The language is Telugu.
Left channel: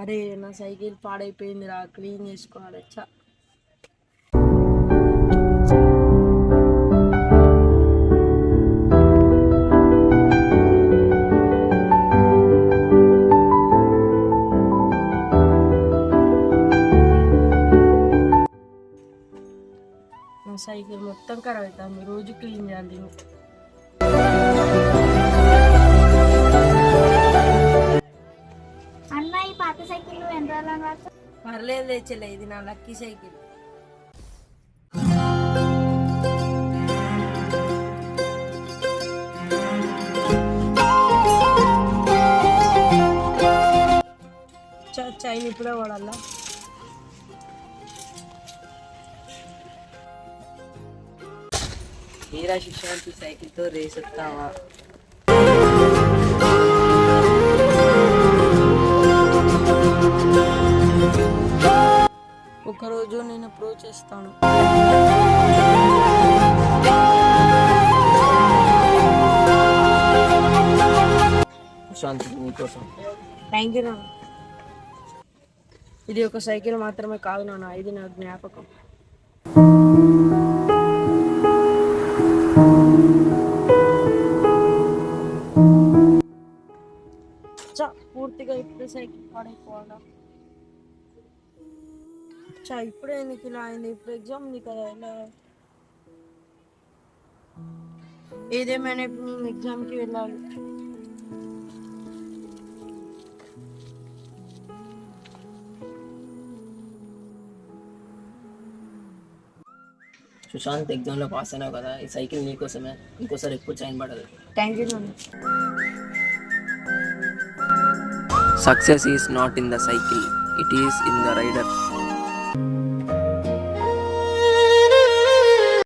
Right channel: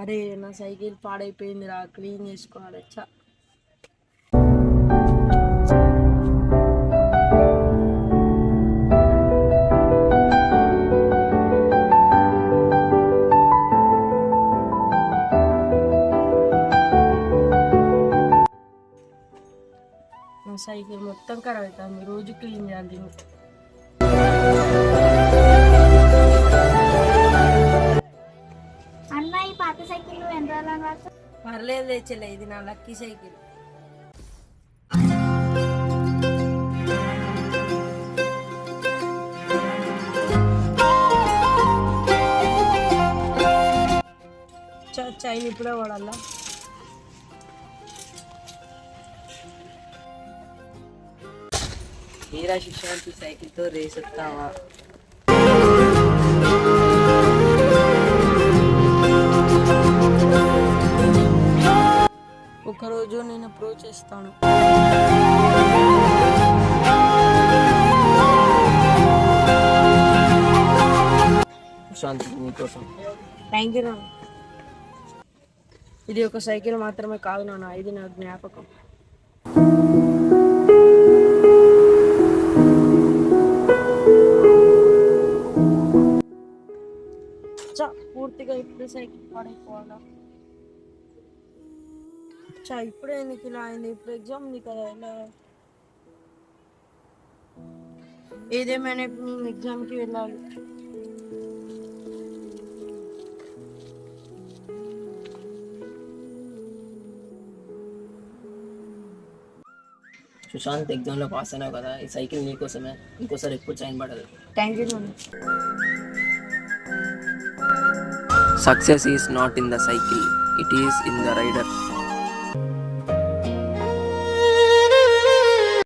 అరే నా సైకిల్ పాడైపోయిందిరా, క్లీన్ చేసుకోవాలి. నా సైకిల్ మొత్తం ఖరాబ్ అవుతుంది, రోజు క్లీన్ చేయాలి. అన్న ఈ పాత సైకిల్ ఎంత పర్లేదు తెచ్చలే, ఇది నా లక్కీ సైకిల్. చైన్ ఇప్పుడే వాడాలా. మీరా శిక్షాంతి సైకిల్తో రేస్ ఎత్తావా? ఒకరోజు నేను అప్రోచ్ చేస్తాను. శాంతి నీకోసం. థ్యాంక్ యూ నాన్న. ఇది ఒక సైకిల్ మాత్రమే కాదు నాన్న, ఇది నా జ్ఞాపకం. పూర్తిగా ఇప్పుడు సైకిల్ పాడైపోవాలా? ఇప్పుడే నీకు ఇలా అయింది, ఇప్పుడు ఎగ్జామ్ ఉంది కదా, ఇలా ఏదేమైనా ఇప్పుడు నేను ఎగ్జామ్కి వెళ్ళాలి. సుశాంత్ ఎగ్జామ్లో పాస్ అయినావు కదా, ఈ సైకిల్ నీకోసమే, ఇంకోసారి ఎప్పుడు చైన్ పడదు. థ్యాంక్ యూ నాన్న. Success is not in the cycle, it is in the rider.